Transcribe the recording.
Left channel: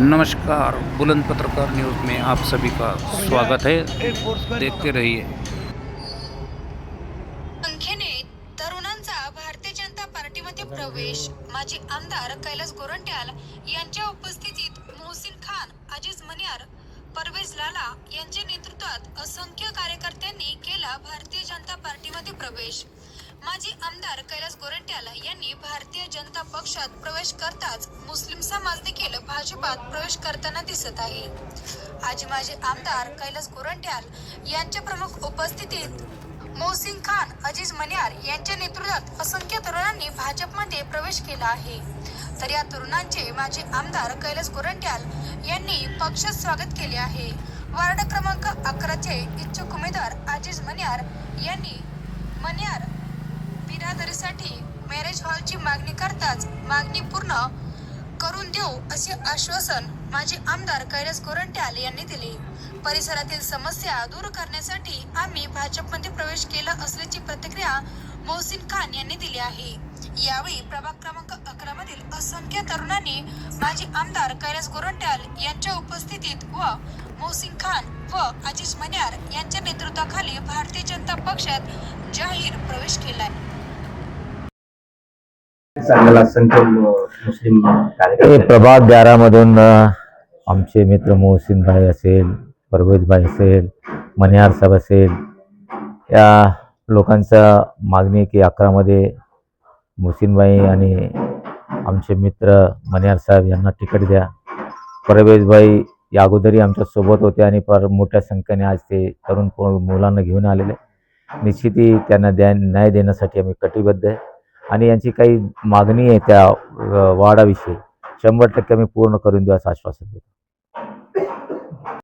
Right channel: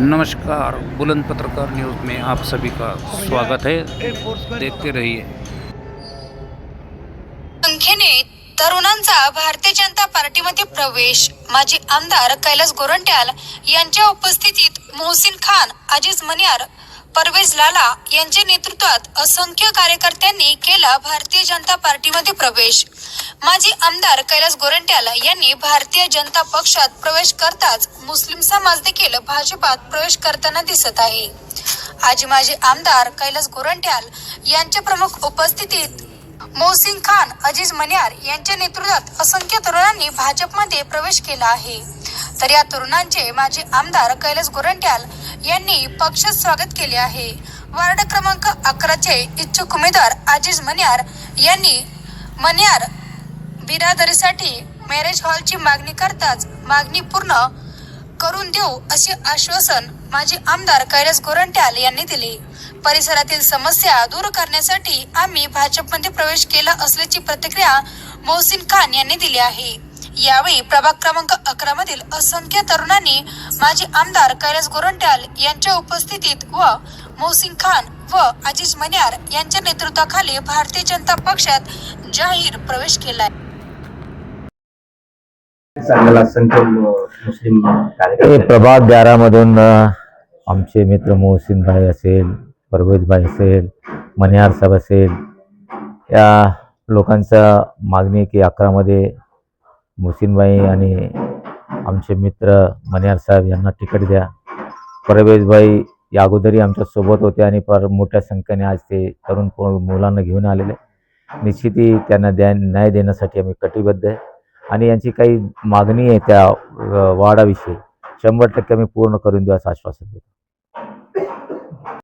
नमस्कार, बुलंद पत्रकार न्यूज़ में आप सभी का स्वागत है। देखते रहिए। संख्येने तरुणांचा भारतीय जनता पार्टीमध्ये प्रवेश। माजी आमदार कैलास गोरंट्याल यांच्या उपस्थितीत मोहसिन खान, अजीज मनियार, परवेज लाला यांच्या नेतृत्वात असंख्य कार्यकर्त्यांनी केला भारतीय जनता पार्टीमध्ये प्रवेश। माजी आमदार कैलास गोरंट्याल यांनी भारतीय जनता पक्षात प्रवेश करताच मुस्लिम समाज देखील भाजपात प्रवेश करताना दिसत आहे। आज माजी आमदार कैलास गोरंट्याल यांच्या प्रमुख उपस्थितीत मोहसिन खान, अजीज मनियार यांच्या नेतृत्वात असंख्य तरुणांनी भाजपमध्ये प्रवेश केला आहे। तर या तरुणांचे माजी आमदार कैलास गोरंट्याल यांनी पक्षात स्वागत केले आहे। वार्ड क्रमांक 11 चे इच्छुक उमेदवार अजीज मनियार यांनी मनियार बिरादरीसाठी मॅरेज हॉलची मागणी करताच मागणी पूर्ण करून देऊ असे आश्वासन माजी आमदार कैलास गोरंट्याल यांनी दिले। परिसरातील समस्या दूर करण्यासाठी आम्ही भाजपमध्ये प्रवेश केला असल्याची प्रतिक्रिया मोहसिन खान यांनी दिली आहे। यावेळी प्रभाग क्रमांक 11 मधील असंख्य तरुणांनी माजी आमदार कैलास गोरंट्याल यांच्या उपस्थितीत व मोहसिन खान व अजीज मनियार यांच्या नेतृत्वाखाली भारतीय जनता पक्षात जाहीर प्रवेश केला। प्रभाग 11 मधून आमचे मित्र मोहसिन भाई असेल, परवेज भाई असेल, मनियार साहेब असेल, या लोकांचा मागणी की 11 मध्ये मोहसिन भाई आणि आमचे मित्र मनियार साहेब यांना तिकीट द्या। परवेज भाई या अगोदरही आमच्या सोबत होते आणि मोठ्या संख्येने आज ते तरुण मुलांना घेऊन आलेले। निश्चितही त्यांना न्याय देण्यासाठी आम्ही कटिबद्ध आहे आणि यांची काही मागणी आहे त्या वाडाविषयी 100% आम्ही पूर्ण करून देऊ असं आश्वासन देतो।